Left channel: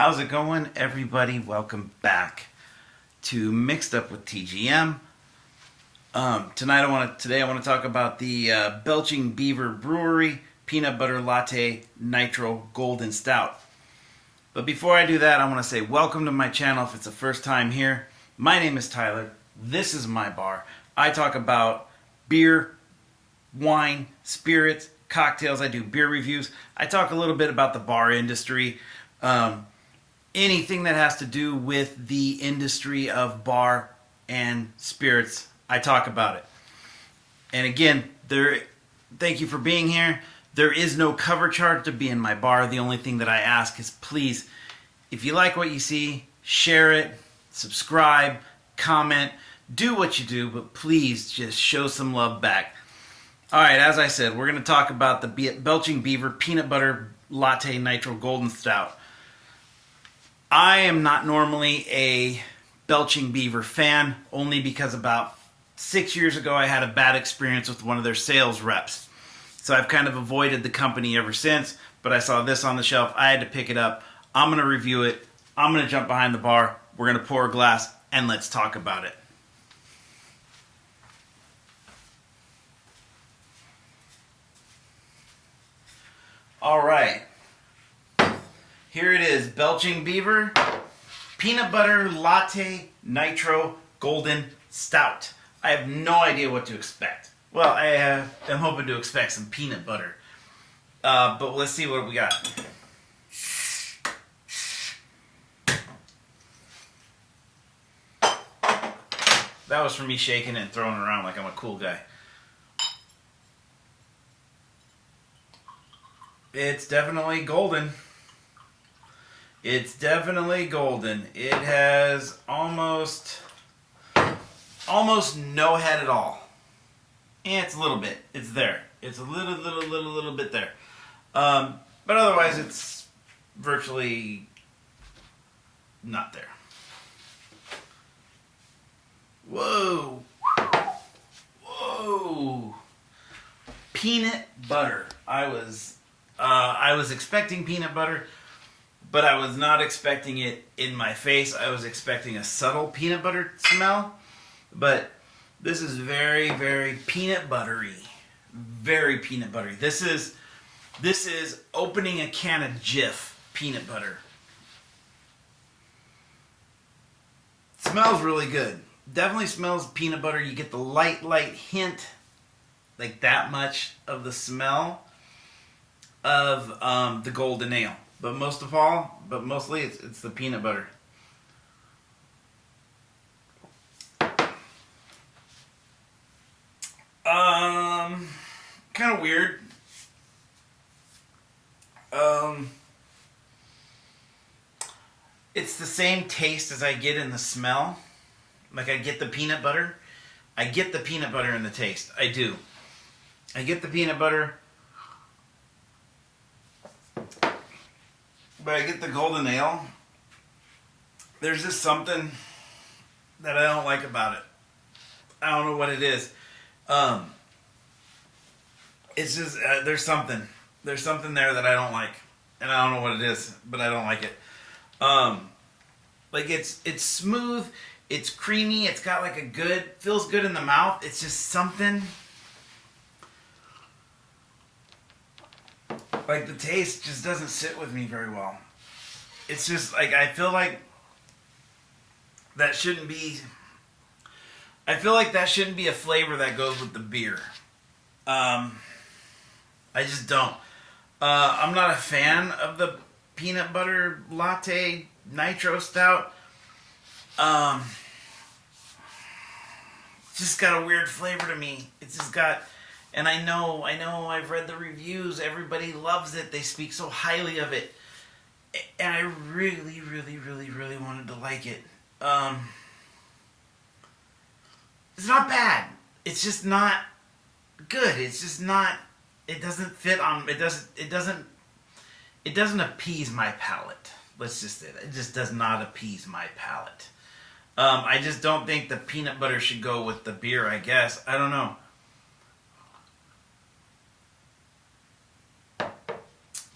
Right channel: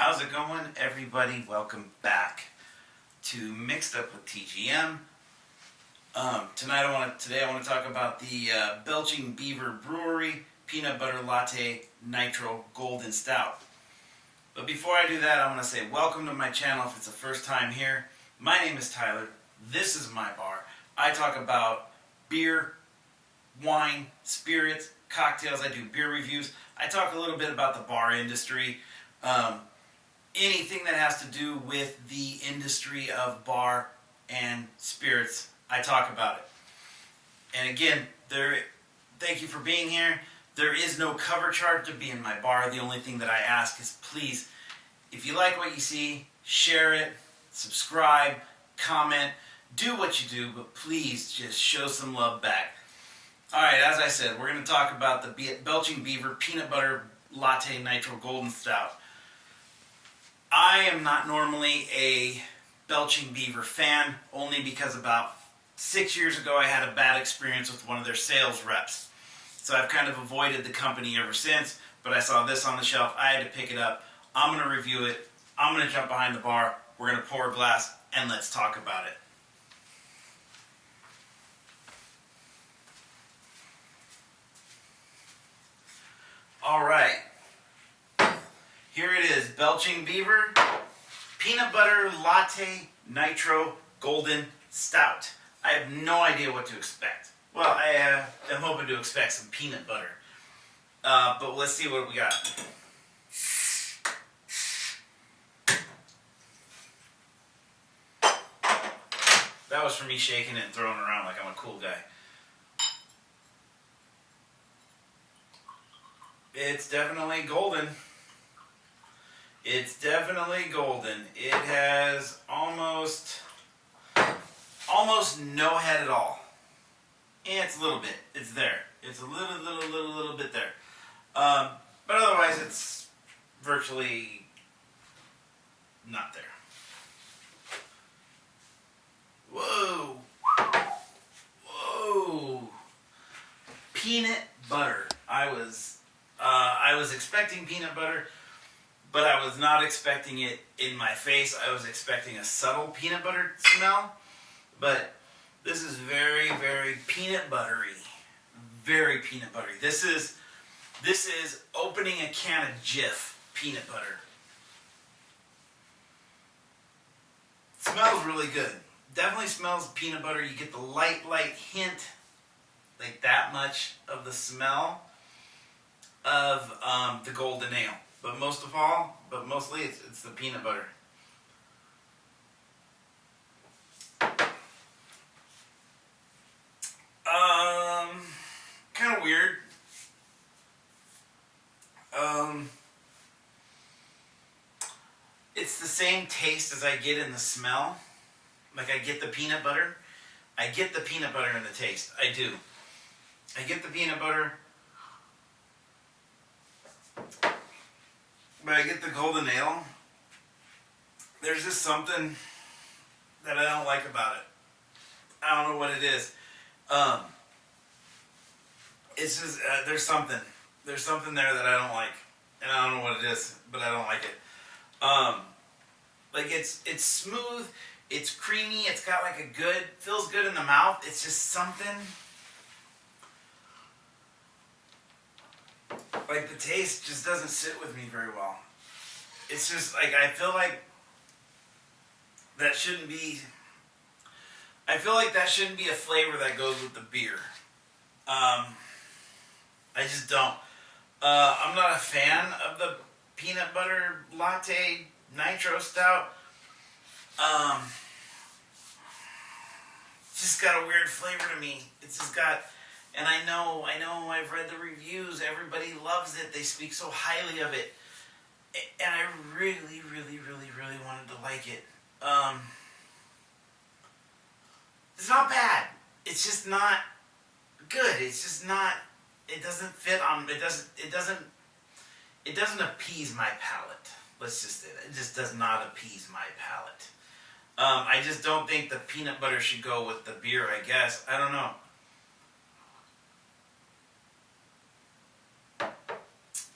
How's it going, everybody? Welcome back to Mixed Up with TGM. Today I want to talk about the Belching Beaver Brewery Peanut Butter Latte Nitro Golden Stout. But before I do that, I want to say welcome to my channel if it's the first time here. My name is Tyler. This is my bar. I talk about beer, wine, spirits, cocktails. I do beer reviews. I talk a little bit about the bar industry. Anything that has to do with the industry of bar and spirits, I talk about it. And again, thank you for being here. There is no cover charge to be in my bar. The only thing that I ask is please, if you like what you see, share it, subscribe, comment, do what you do, but please just show some love back. Alright, as I said, we're going to talk about the Belching Beaver Peanut Butter Latte Nitro Golden Stout. I am not normally a Belching Beaver fan, only because about 6 years ago I had a bad experience with one of their sales reps. So I've kind of avoided the company ever since, but I saw this on the shelf. I had to pick it up. I'm going to review it. I'm going to jump behind the bar. We're going to pour a glass, and let's talk about it. All right. Here it is, Belching Beaver Peanut Butter Latte Nitro Golden Stout. I have no idea what to expect. Well, I'm hoping to expect some peanut butter. But let's see what we got. That was from me shaking it and throwing it around like I'm a cool guy. It's definitely golden. It's definitely golden. It has almost no head at all. And it's a little bit. It's there. It's a little bit there. But otherwise, it's virtually not there. Whoa. Whoa. Peanut butter. I was expecting peanut butter, but I was not expecting it in my face. I was expecting a subtle peanut butter smell, but this is very, very peanut buttery. Very peanut buttery. This is opening a can of Jif peanut butter. Smells really good. Definitely smells peanut butter. You get the light hint, like that much of the smell of the golden ale. But mostly it's the peanut butter. Kind of weird. It's the same taste as I get in the smell. Like I get the peanut butter. I get the peanut butter in the taste. I do. I get the peanut butter. But I get the golden ale. There's just something that I don't like about it. I don't know what it is. It's just there's something there that I don't like, and I don't know what it is, but I don't like it. Like it's smooth, it's creamy, it's got like feels good in the mouth. It's just something. Like the taste just doesn't sit with me very well. It's just like I feel like that shouldn't be. I feel like that shouldn't be a flavor that goes with the beer. I just don't. I'm not a fan of the peanut butter latte nitro stout. It's just got a weird flavor to me. It's just got. And I know, I've read the reviews, everybody loves it, they speak so highly of it, and I really wanted to like it. It's not bad, it's just not good, it's just not, it doesn't fit on, it doesn't appease my palate, let's just say that, it just does not appease my palate. I just don't think the peanut butter should go with the beer, I guess, I don't know.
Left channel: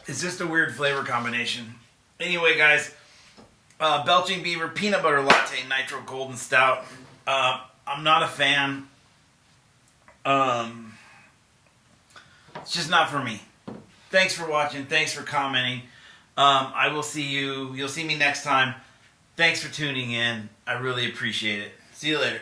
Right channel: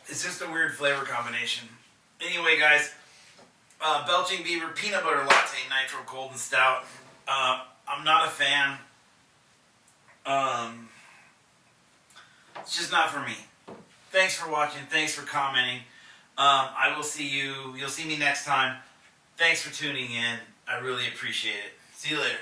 It's just a weird flavor combination. Anyway, guys, Belching Beaver Peanut Butter Latte Nitro Golden Stout. I'm not a fan. It's just not for me. Thanks for watching. Thanks for commenting. I will see you. You'll see me next time. Thanks for tuning in. I really appreciate it. See you later.